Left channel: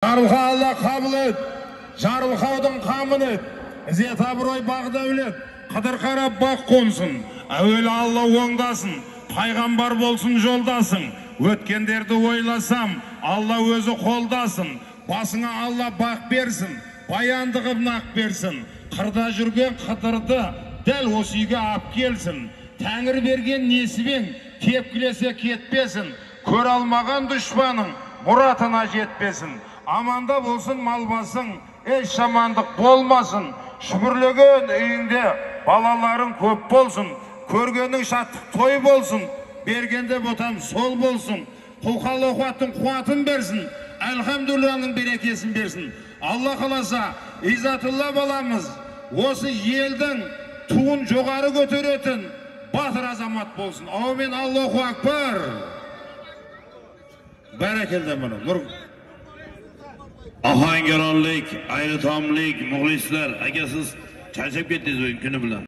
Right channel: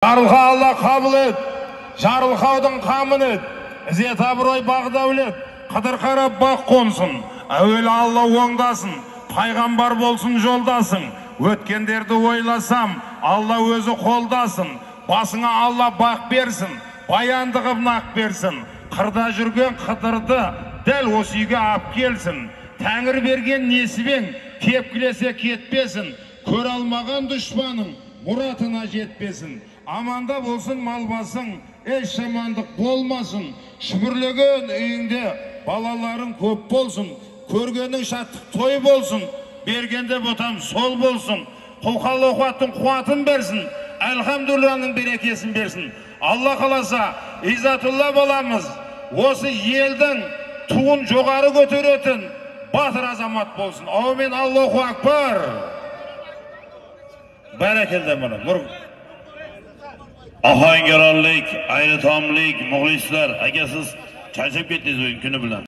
Жарылға Алла қабыл ет, жарылқаудың қамын ет, ізет абырой бақ дәулет, қыдыр қарап бақ қонсын, әуелі Алла оңдасын, пайғамбар болсын жолдасың, өткендерді ойласам, Алла өзі қолдасын, басыңа Алла бақ берсін, баянды қып нақ берсін, қырда жүрген қыдырды дәл осы үйге ап келсін, тәңір берген несібең тепкілесе кетпесін, көр алмаған дұшпаның мұратына жетпесін. Аманда болсын мал басың, еш жамандық болмасын, шүкірлеген үйіңде балаларың көп болсын, көргенің шаттық той болсын, бергенде ботам сол болсын, құлқалы қуаттың қуатын берсін, әлхамдулланың берекесін берсін. Алла қаласа, Иззатулла боламыз, осы елдің туын жоғары көтеретін батыр азамат болсын. Аумин, Аллаху акбар. Barakallah mana. Ohangaronlik, ayritomlik, muxlislar, agar siz charchab ketdingiz o'yin kuni bilan